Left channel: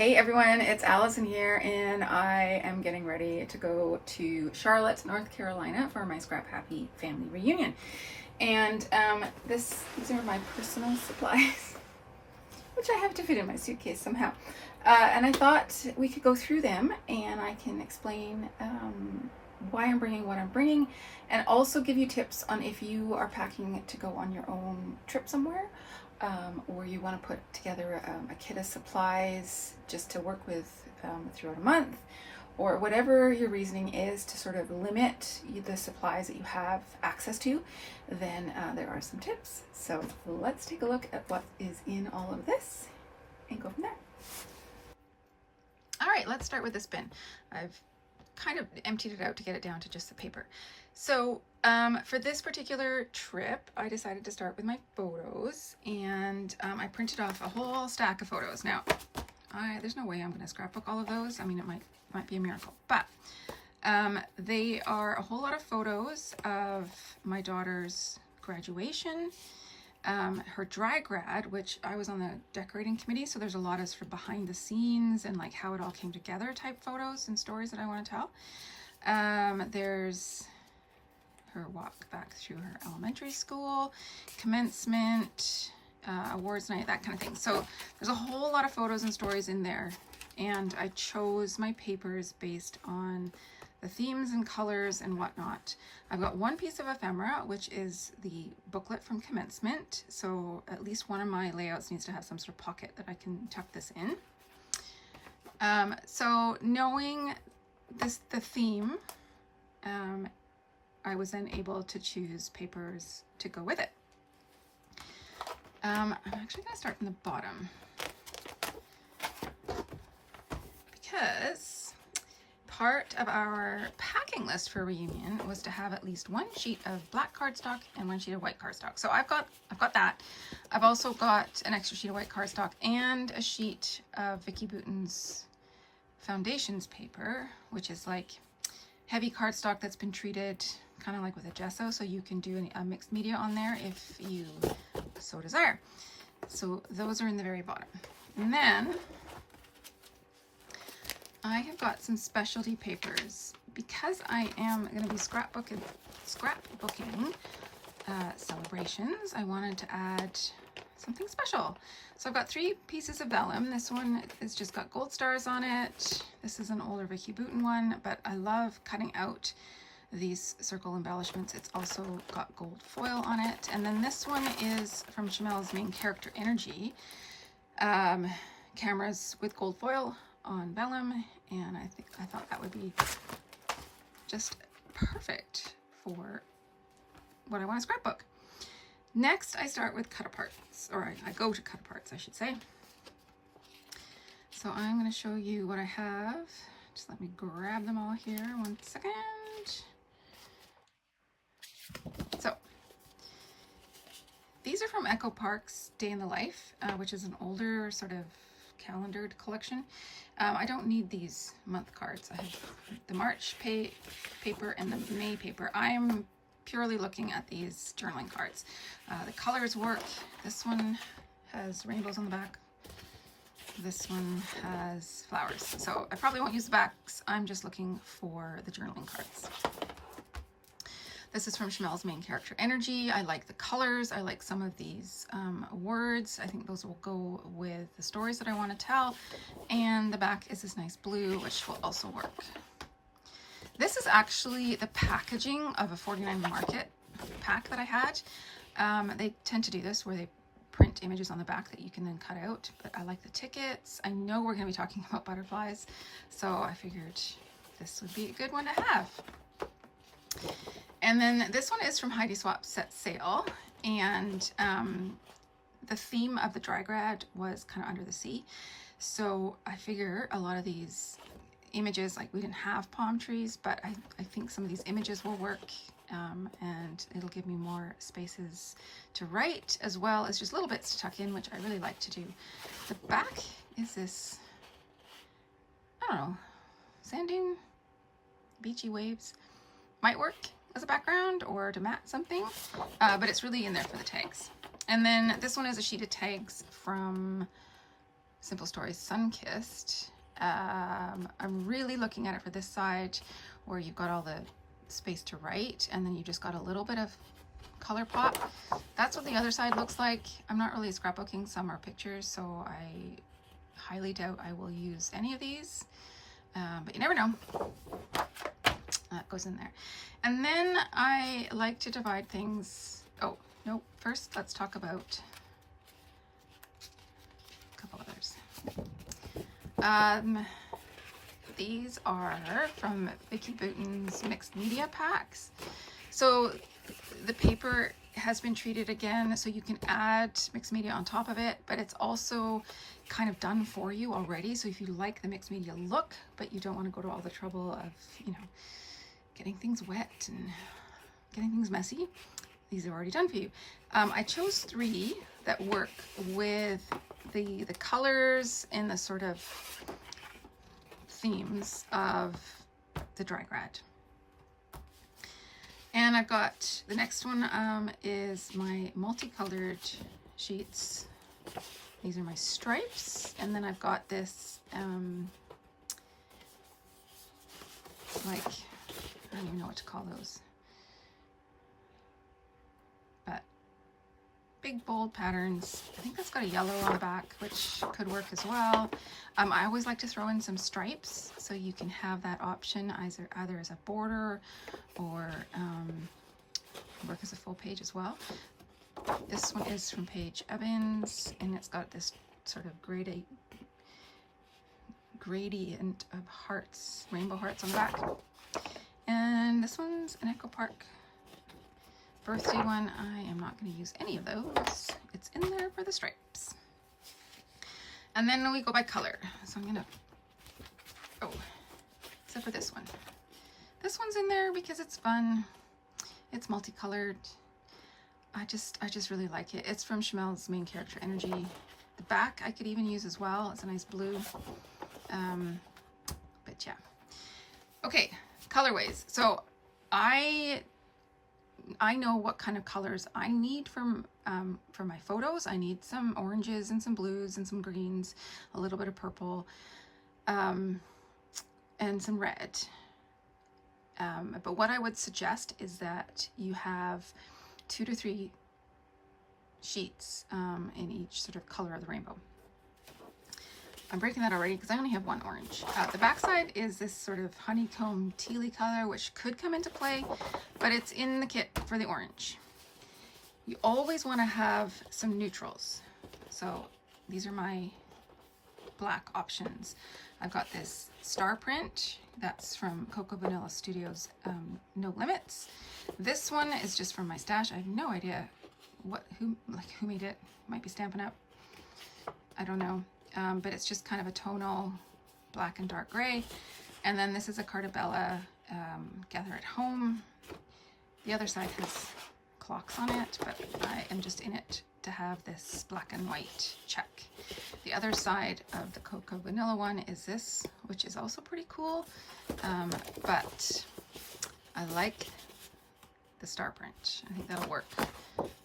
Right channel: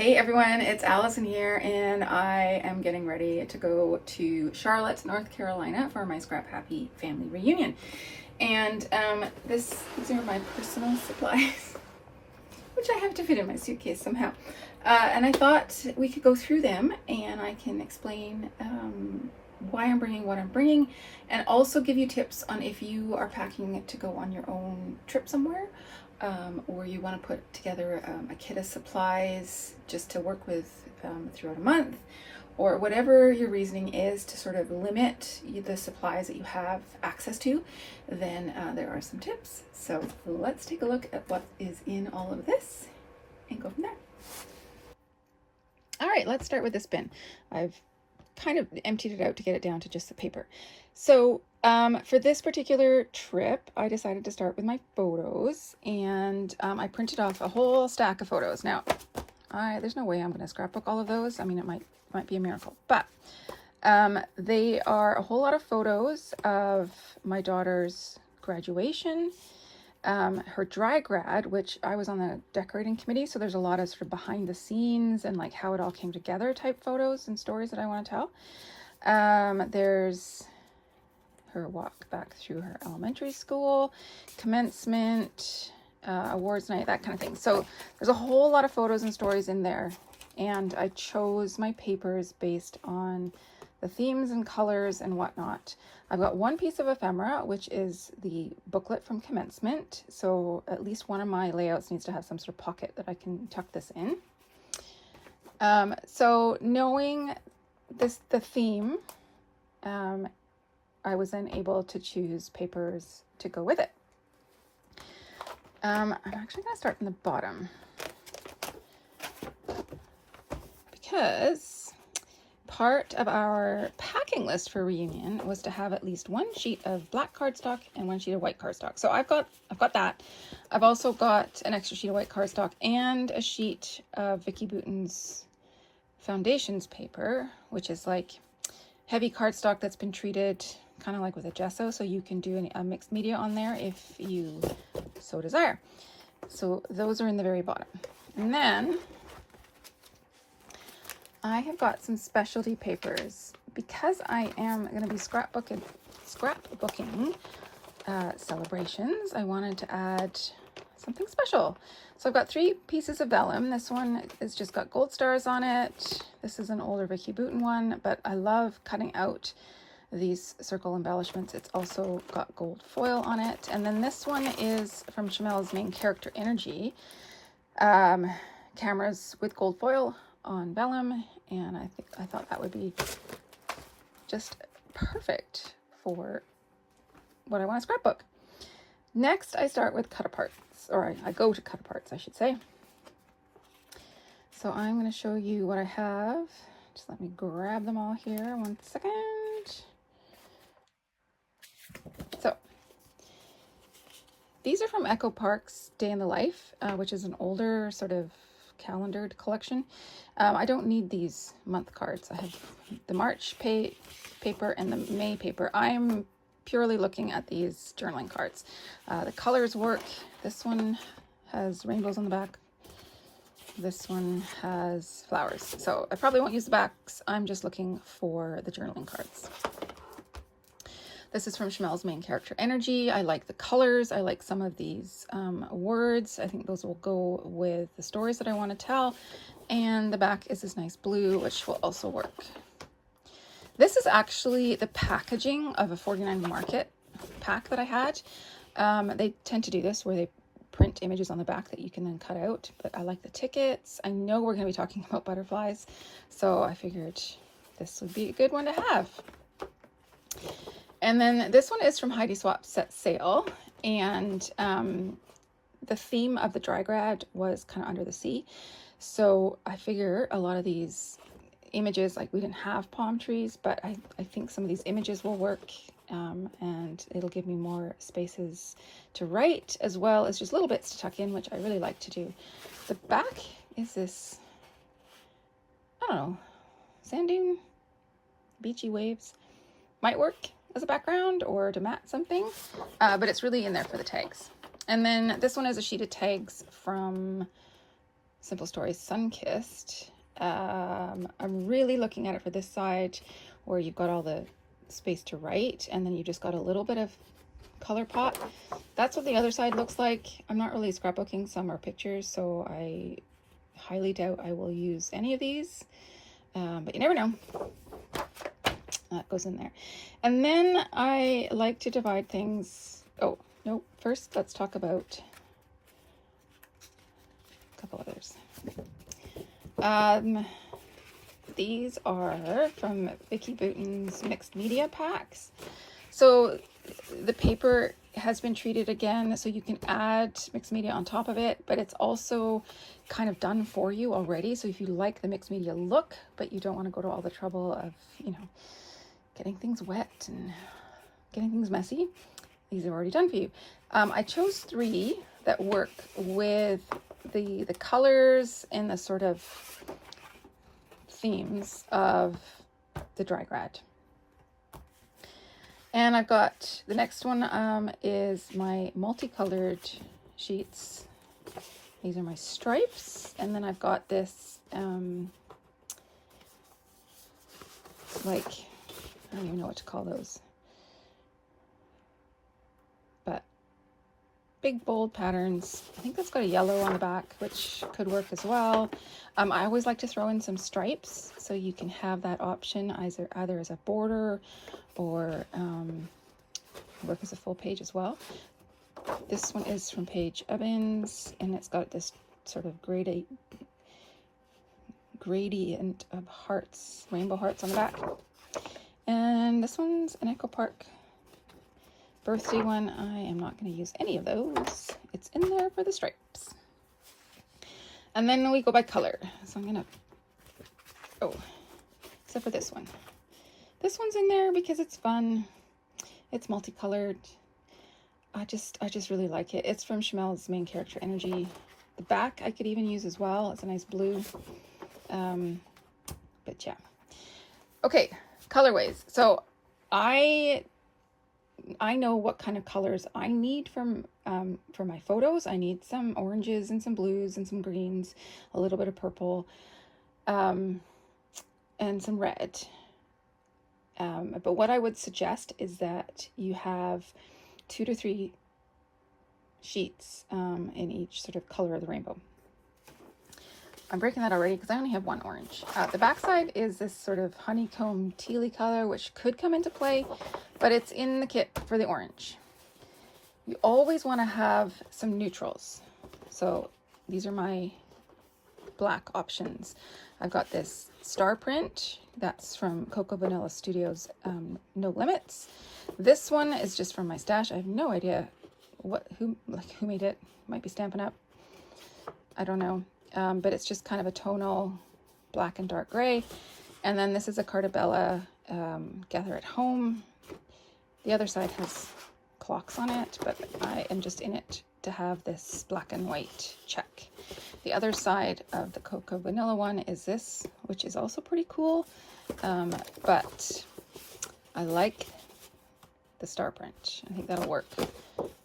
Hey everyone, it's Allison here, and I am getting ready to go to Charlotte, North Carolina for my Scrap Happy family reunion. And these are my personal supplies, which I have to fit in my suitcase somehow. And I thought we could go through them and I can explain why I'm bringing what I'm bringing, and also give you tips on if you are packing to go on your own trip somewhere. Or you want to put together a kit of supplies just to work with throughout a month, or whatever your reasoning is to sort of limit the supplies that you have access to, then there are some tips. So let's take a look at what is in all of this and go from there. All right, let's start with this bin. I've kind of emptied it out to get it down to just the paper. So for this particular trip, I decided to start with my photos, and I printed off a whole stack of photos. Now, there's no way I'm going to scrapbook all of those. I mean, it might be a miracle, but they are a whole lot of photos of my daughter's graduation, her dry grad, which I was on the decorating committee, so there's a lot of sort of behind the scenes and like how it all came together type photos and stories that I want to tell. There's her walk back through her elementary school, commencement, awards night, that kind of thing. So there's a whole lot of photos and stories in there, and I chose my papers based on the themes and colors and whatnot. I've got one piece of ephemera, which is the booklet from commencement, so at least one of my layouts needs to have some sort of pocket that I can tuck this in. So knowing the theme, I was then able to choose papers to go with it. I'm actually going to start from the bottom because part of our packing list for reunion was to have at least one sheet of black cardstock and one sheet of white cardstock. So I've got that. I've also got an extra sheet of white cardstock and a sheet of Vicky Bouton's foundations paper, which is like heavy cardstock that's been treated kind of like with a gesso, so you can do a mixed media on there if you so desire. So those are in the very bottom. And then I have got some specialty papers because I am going to be scrapbooking celebrations. I wanted to add something special. So I've got 3 pieces of vellum. This one has just got gold stars on it. This is an older Vicky Bouton one, but I love cutting out these circle embellishments. It's also got gold foil on it. And then this one is from Chamel's Main Character Energy. Cameras with gold foil on vellum, and I thought that would be just perfect for what I want to scrapbook. Next, I start with cut aparts, or I go to cut aparts, I should say. So I'm going to show you what I have. Just let me grab them all here. 1 second. So these are from Echo Park's Day in the Life, which is an older sort of calendared collection. I don't need these month cards. I have the March paper and the May paper. I'm purely looking at these journaling cards. The colors work. This one has rainbows on the back. This one has flowers. So I probably won't use the backs. I'm just looking for the journaling cards. This is from Chamel's Main Character Energy. I like the colors. I like some of these words. I think those will go with the stories that I want to tell. And the back is this nice blue, which will also work. This is actually the packaging of a 49 Market pack that I had. They tend to do this where they print images on the back that you can then cut out, but I like the tickets. I know we're going to be talking about butterflies, so I figured this would be a good one to have. And then this one is from Heidi Swap Set Sail, and the theme of the dry grad was kind of under the sea. So I figure a lot of these images, like we didn't have palm trees, but I think some of these images will work, and it'll give me more spaces to write, as well as just little bits to tuck in, which I really like to do. The back is this, I don't know, sand dune, beachy waves. Might work as a background or to mat something, but it's really in there for the tags. And then this one is a sheet of tags from Simple Stories Sunkissed. I'm really looking at it for this side where you've got all the space to write and then you just got a little bit of color pop. That's what the other side looks like. I'm not really scrapbooking, some are pictures, so I highly doubt I will use any of these, but you never know. That goes in there. And then I like to divide things. Oh no, first let's talk about a couple others. These are from Vicky Bouton's mixed media packs. So the paper has been treated again, so you can add mixed media on top of it, but it's also kind of done for you already. So if you like the mixed media look, but you don't want to go to all the trouble of, you know, getting things wet and getting things messy, these are already done for you. I chose 3 that work with the colors and the sort of themes of the dry grad. And I've got the next one is my multicolored sheets. These are my stripes, and then I've got this like, I don't even know what to call those, but big bold patterns. I think that's got a yellow on the back, which could work as well. I always like to throw in some stripes, so you can have that option either as a border or work as a full page as well. This one is from Paige Evans, and it's got this sort of gradient of hearts, rainbow hearts on the back. And this one's an Echo Park birthday one. I am not going to use any of those. It's in there for the stripes. And then we go by color. So I'm going to, except for this one. This one's in there because it's fun. It's multicolored. I just really like it. It's from Chamel's Main Character Energy. The back I could even use as well. It's a nice blue. But yeah. Okay, colorways. So I know what kind of colors I need for my photos. I need some oranges and some blues and some greens, a little bit of purple, and some red. But what I would suggest is that you have 2 to 3 sheets in each sort of color of the rainbow. I'm breaking that already because I only have 1 orange. The backside is this sort of honeycomb tealy color, which could come into play, but it's in the kit for the orange. You always want to have some neutrals. So these are my black options. I've got this star print. That's from Cocoa Vanilla Studios, No Limits. This one is just from my stash. I have no idea who made it. Might be Stampin' Up. I don't know. But it's just kind of a tonal black and dark gray. And then this is a Cartabella Gather at Home. The other side has clocks on it, but I am just in it to have this black and white check. The other side of the Cocoa Vanilla one is this, which is also pretty cool, but I like the star print. I think that'll work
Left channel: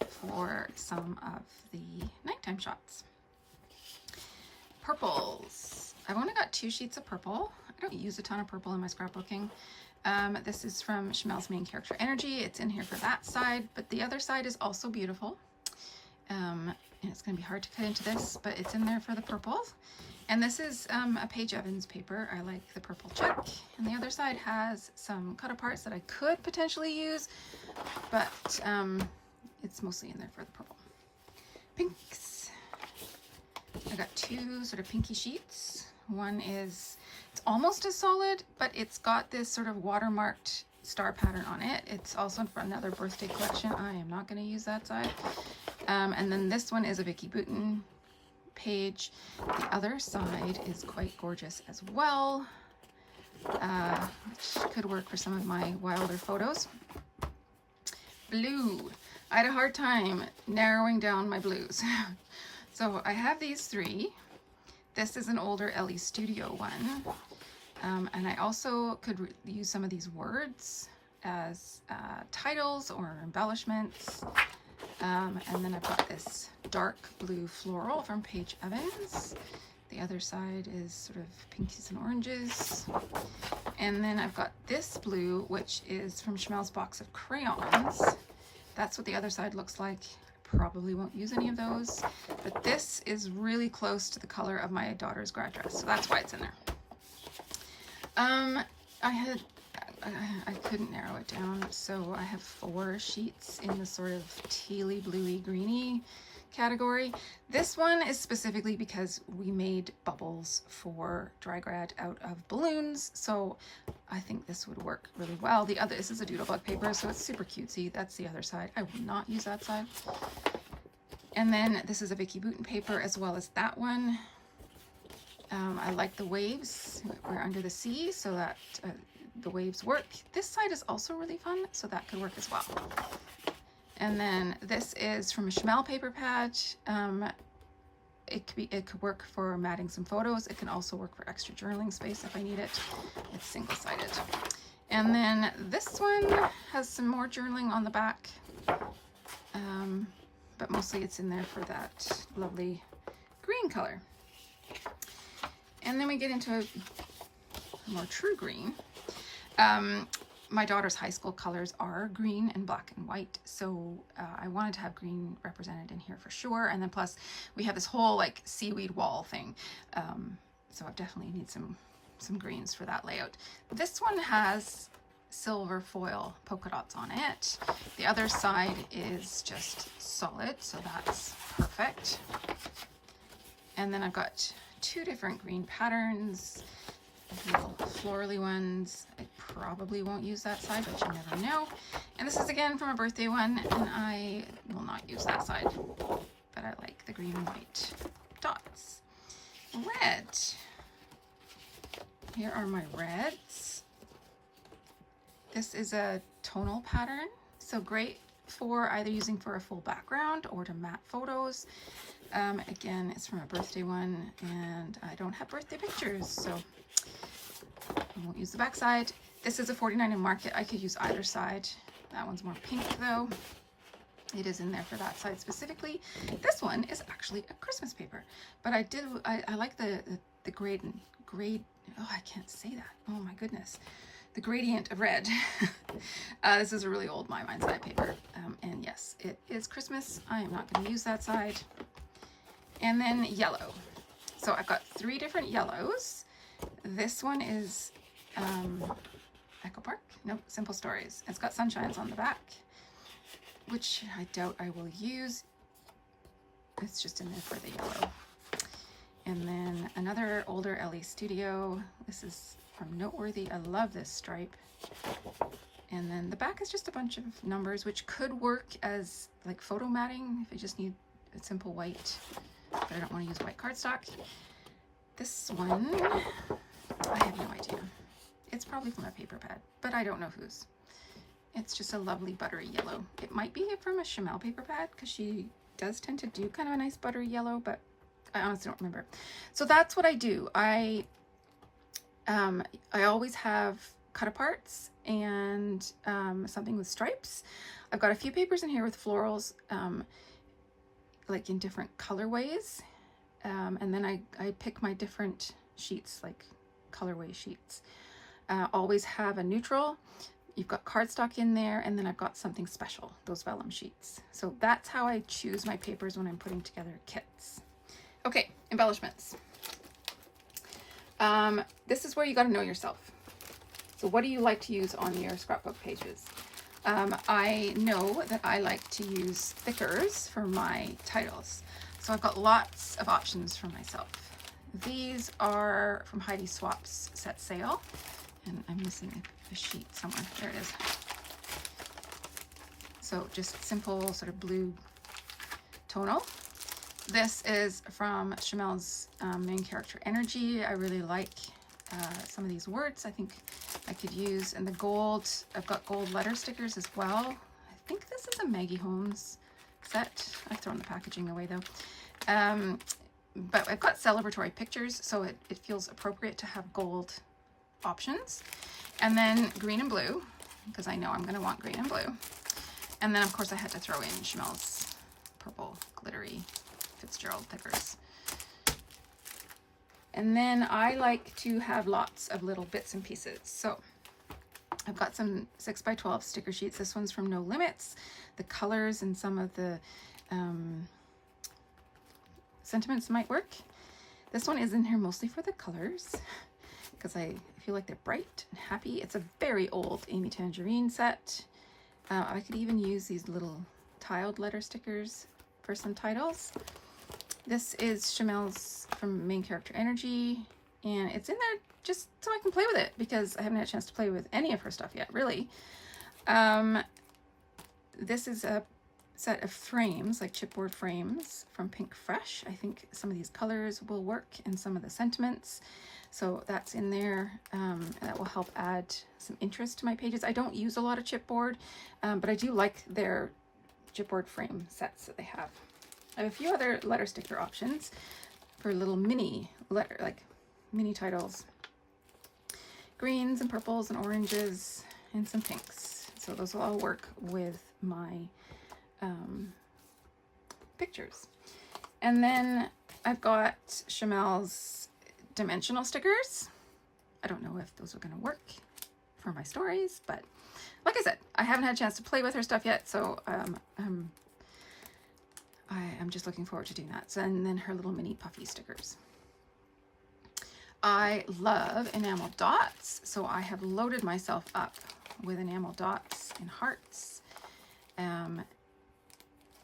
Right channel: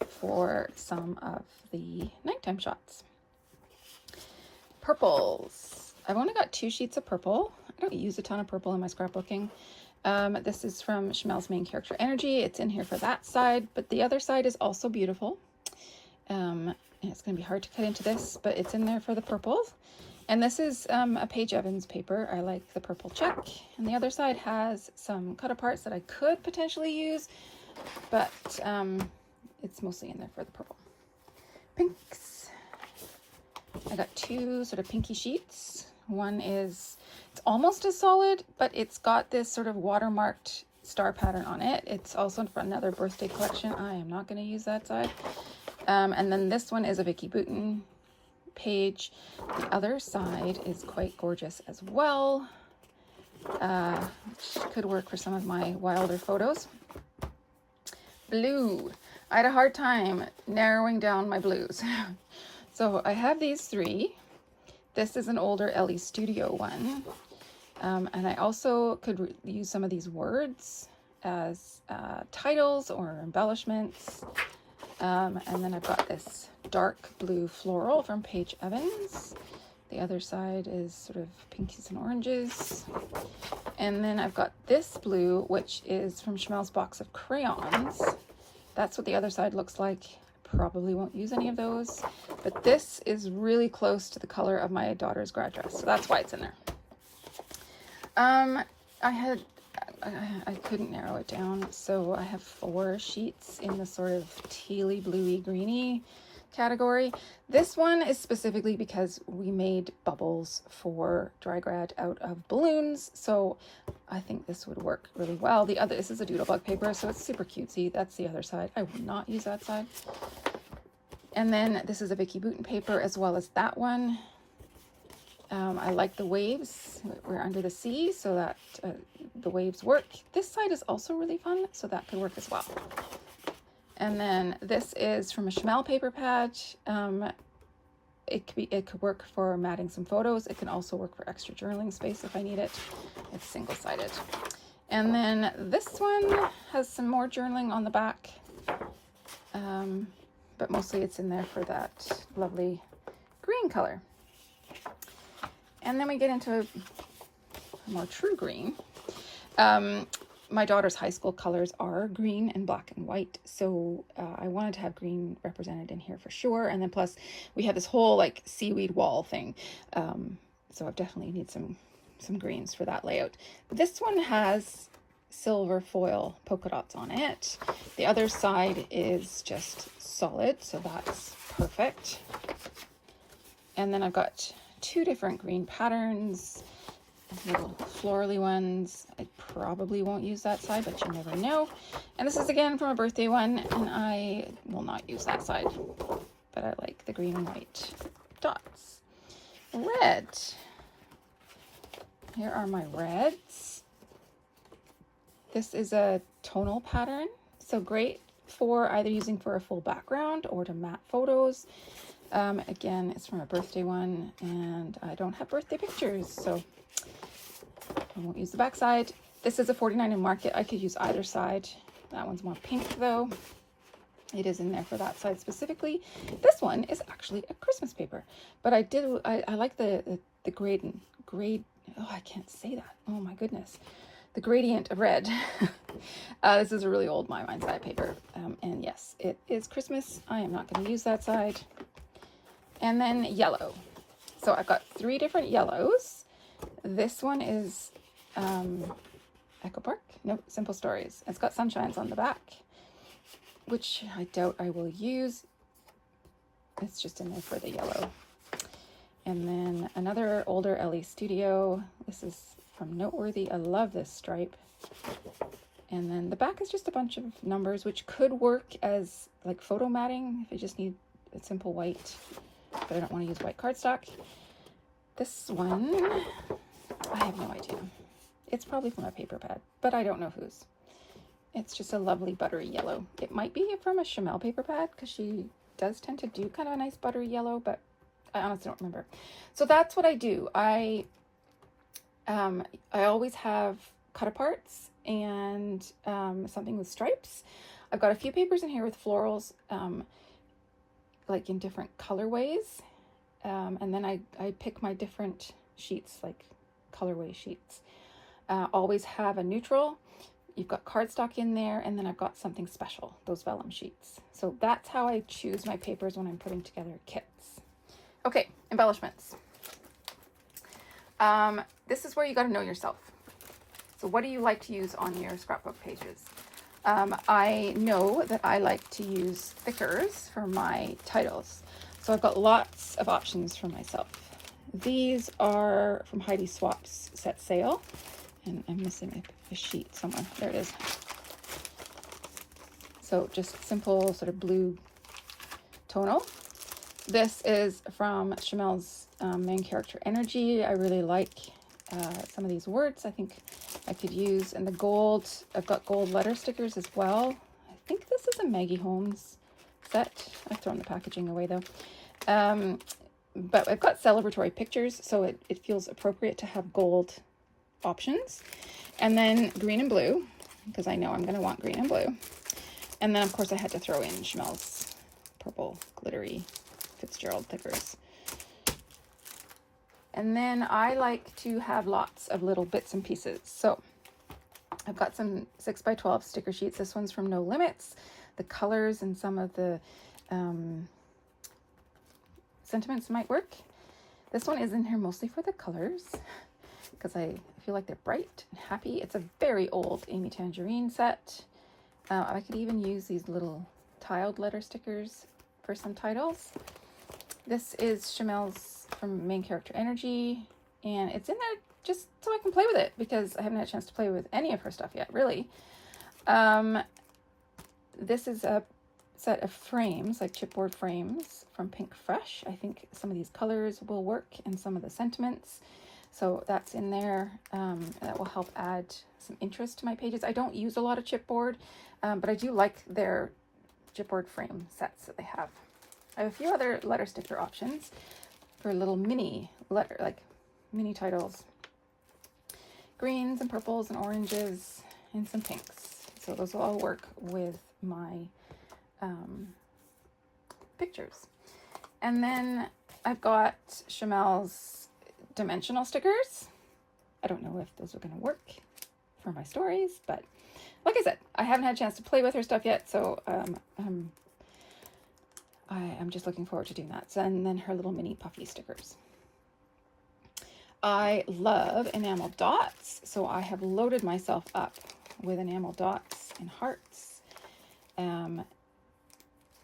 for some of the nighttime shots. Purples. I've only got 2 sheets of purple. I don't use a ton of purple in my scrapbooking. This is from Chamel's Main Character Energy. It's in here for that side, but the other side is also beautiful. And it's going to be hard to cut into this, but it's in there for the purples. And this is a Paige Evans paper. I like the purple check. And the other side has some cut aparts that I could potentially use, but it's mostly in there for the purple. Pinks. I got 2 sort of pinky sheets. One is, it's almost as solid, but it's got this sort of watermarked star pattern on it. It's also for another birthday collection. I am not going to use that side. And then this one is a Vicky Bouton page. The other side is quite gorgeous as well, which could work for some of my wilder photos. Blue. I had a hard time narrowing down my blues. So I have these 3. This is an older Ellie Studio one. And I also could use some of these words as titles or embellishments. And then I've got this dark blue floral from Paige Evans. The other side is sort of pinkies and oranges. And then I've got this blue, which is from Chamel's box of crayons. That's what the other side looks like. Probably won't use any of those, but this is really close to the color of my daughter's grad dress, so that's why it's in there. I couldn't narrow it down, so I have 4 sheets in the sort of tealy, bluey, greeny category. This one is specifically because we made bubbles for dry grad out of balloons, so I think this would work really well. This is a doodlebug paper, so it's super cutesy. That's the other side. I would not use that side. And then this is a Vicky Bouton paper as well as that one. I like the waves. We're under the sea, so that the waves work. This side is also really fun, so that could work as well. And then this is from a Chamel paper pad. It could work for matting some photos. It can also work for extra journaling space if I need it. It's single-sided. And then this one has some more journaling on the back, but mostly it's in there for that lovely green color. And then we get into a more true green. My daughter's high school colors are green and black and white, so I wanted to have green represented in here for sure. And then plus we have this whole like seaweed wall thing, so I definitely need some greens for that layout. This one has silver foil polka dots on it. The other side is just solid, so that's perfect. And then I've got 2 different green patterns, little florally ones. I probably won't use that side, but you never know. And this is again from a birthday one, and I will not use that side, but I like the green and white dots. Red. Here are my reds. This is a tonal pattern, so great for either using for a full background or to matte photos. Again, it's from a birthday one, and I don't have birthday pictures, so I won't use the back side. This is a 49 in Market. I could use either side. That one's more pink though. It is in there for that side specifically. This one is actually a Christmas paper, but I like the grade, oh, I can't say that. Oh my goodness. The gradient of red. This is a really old My Mind side paper. And yes, it is Christmas. I am not going to use that side. And then yellow. So I've got 3 different yellows. This one is Echo Park? No, Simple Stories. It's got sunshines on the back, which I doubt I will use. It's just in there for the yellow. And then another older LE Studio. This is from Noteworthy. I love this stripe. And then the back is just a bunch of numbers, which could work as like photo matting if you just need a simple white, but I don't want to use white cardstock. This one, I have no idea. It's probably from a paper pad, but I don't know whose. It's just a lovely buttery yellow. It might be from a Chamel paper pad because she does tend to do kind of a nice buttery yellow, but I honestly don't remember. So that's what I do. I always have cut aparts and something with stripes. I've got a few papers in here with florals, like in different colorways. And then I pick my different sheets, like colorway sheets. Always have a neutral. You've got cardstock in there, and then I've got something special, those vellum sheets. So that's how I choose my papers when I'm putting together kits. Okay, embellishments. This is where you got to know yourself. So what do you like to use on your scrapbook pages? I know that I like to use thickers for my titles. So I've got lots of options for myself. These are from Heidi Swap's Set Sail. And I'm missing a sheet somewhere. There it is. So just simple sort of blue tonal. This is from Chamel's Main Character Energy. I really like some of these words I think I could use. And the gold, I've got gold letter stickers as well. I think this is a Maggie Holmes set. I've thrown the packaging away though. But I've got celebratory pictures, so it feels appropriate to have gold options. And then green and blue, because I know I'm going to want green and blue. And then of course I had to throw in Chamel's purple glittery Fitzgerald thickers. And then I like to have lots of little bits and pieces. So I've got some 6x12 sticker sheets. This one's from No Limits. The colors and some of the sentiments might work. This one is in here mostly for the colors because I feel like they're bright and happy. It's a very old Amy Tangerine set. I could even use these little tiled letter stickers for some titles. This is Chamel's from Main Character Energy, and it's in there just so I can play with it because I haven't had a chance to play with any of her stuff yet, really. This is a set of frames, like chipboard frames from Pink Fresh. I think some of these colors will work and some of the sentiments. So that's in there. That will help add some interest to my pages. I don't use a lot of chipboard, but I do like their chipboard frame sets that they have. I have a few other letter sticker options for little mini letter, like mini titles. Greens and purples and oranges and some pinks. So those will all work with my pictures. And then I've got Chamel's dimensional stickers. I don't know if those are going to work for my stories, but like I said, I haven't had a chance to play with her stuff yet, so I'm just looking forward to doing that. So, and then her little mini puffy stickers. I love enamel dots, so I have loaded myself up with enamel dots and hearts.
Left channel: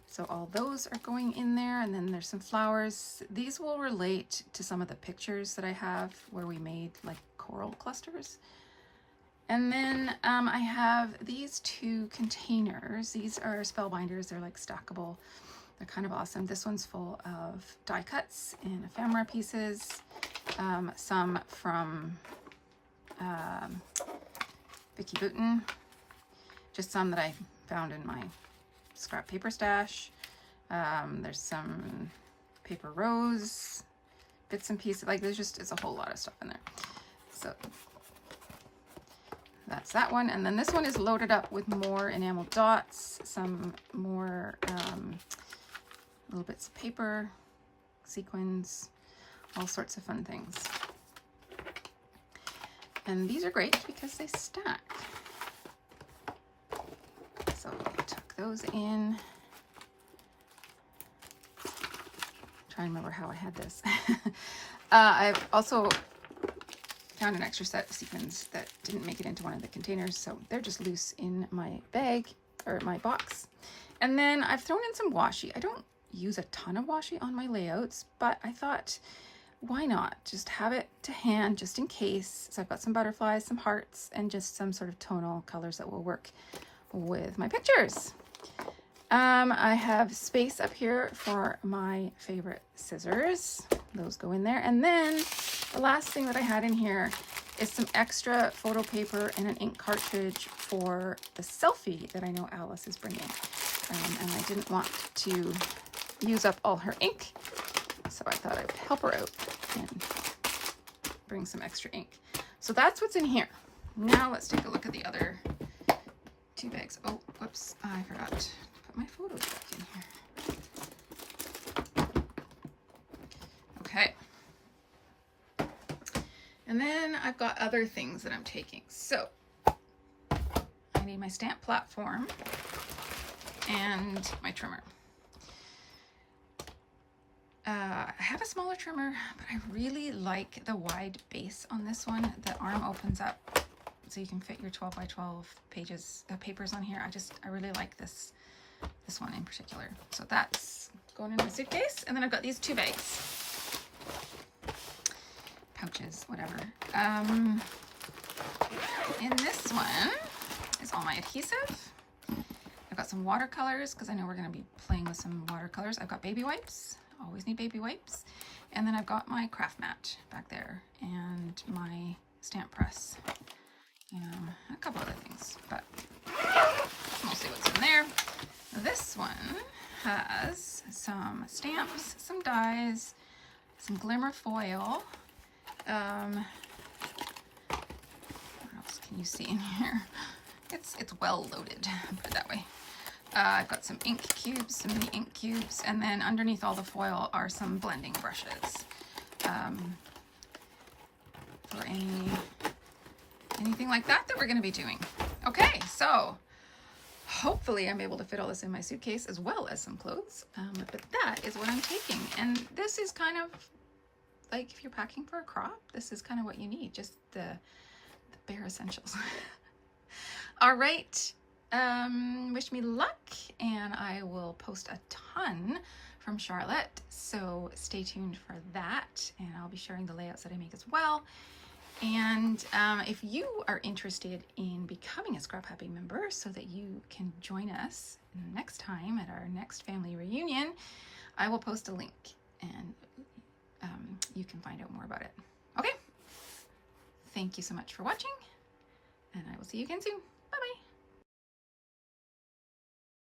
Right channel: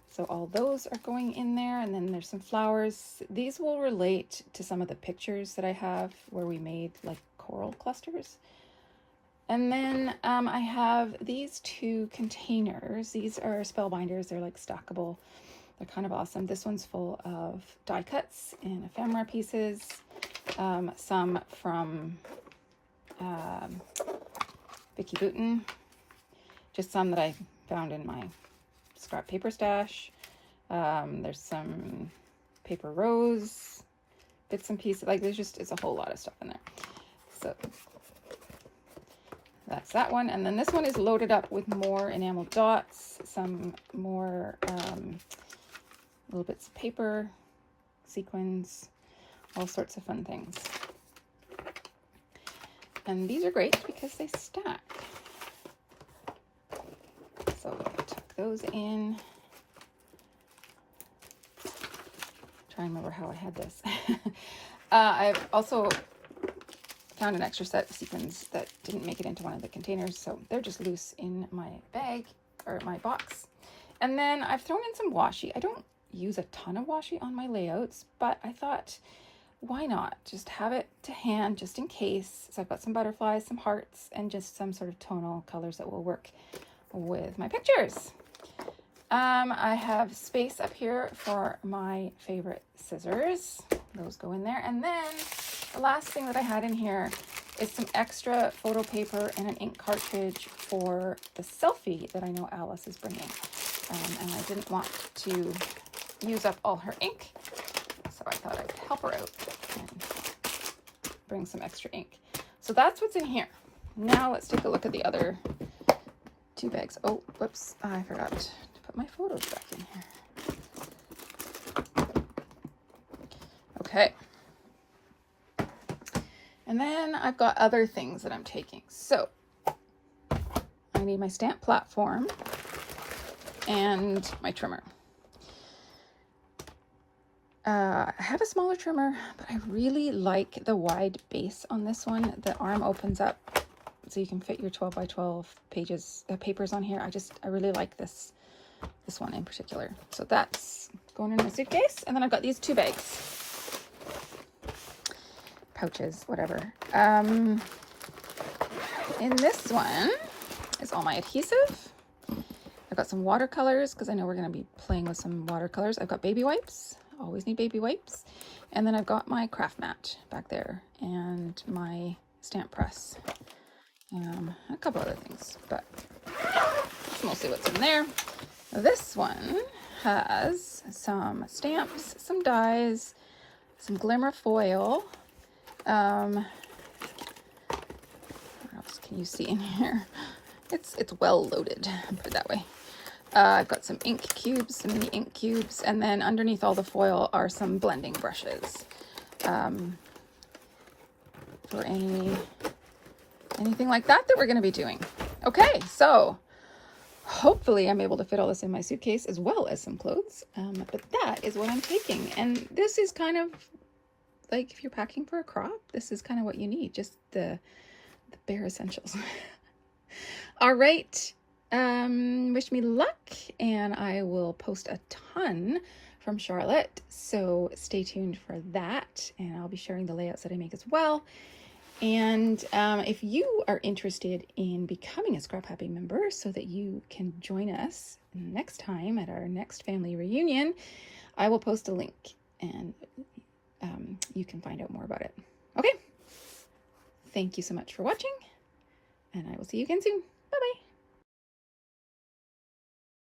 So all those are going in there, and then there's some flowers. These will relate to some of the pictures that I have where we made like coral clusters. And then I have these two containers. These are spellbinders. They're like stackable. They're kind of awesome. This one's full of die cuts and ephemera pieces. Some from Vicky Boutin. Just some that I found in my scrap paper stash. There's some paper rose bits and pieces. Like it's a whole lot of stuff in there. So that's that one. And then this one is loaded up with more enamel dots, some more little bits of paper, sequins, all sorts of fun things. And these are great because they stack. So tuck those in. Try and remember how I had this. I've also found an extra set of sequins that didn't make it into one of the containers, so they're just loose in my bag or my box. And then I've thrown in some washi. I don't use a ton of washi on my layouts, but I thought, why not just have it to hand just in case. So I've got some butterflies, some hearts, and just some sort of tonal colors that will work with my pictures. I have space up here for my favorite scissors. Those go in there. And then the last thing that I had in here is some extra photo paper and an ink cartridge for the selfie that I know Alice is bringing. And I didn't want to use up all her ink, so I thought I would help her out and bring some extra ink. So that's what's in here. Now let's take a look at the other two bags. Oh, whoops, I forgot to put my photos back in here. Okay. And then I've got other things that I'm taking. So I need my stamp platform and my trimmer. I have a smaller trimmer, but I really like the wide base on this one. The arm opens up so you can fit your 12 by 12 pages, papers on here. I really like this one in particular. So that's going in my suitcase. And then I've got these two bags, pouches, whatever. In this one is all my adhesive. I've got some watercolors because I know we're going to be playing with some watercolors. I've got baby wipes. Always need baby wipes. And then I've got my craft mat back there and my stamp press. A couple other things, but mostly what's in there. This one has some stamps, some dies, some glimmer foil. What else can you see in here? It's well loaded, put it that way. I've got some ink cubes, some mini ink cubes, and then underneath all the foil are some blending brushes. or anything like that we're going to be doing. Okay, so hopefully I'm able to fit all this in my suitcase as well as some clothes. But that is what I'm taking. And this is kind of like if you're packing for a crop, this is kind of what you need, just the bare essentials. All right. Wish me luck, and I will post a ton from Charlotte, so stay tuned for that, and I'll be sharing the layouts that I make as well. And if you are interested in becoming a Scrap Happy member so that you can join us next time at our next family reunion, I will post a link, and you can find out more about it. Okay, thank you so much for watching, and I will see you again soon. Bye-bye.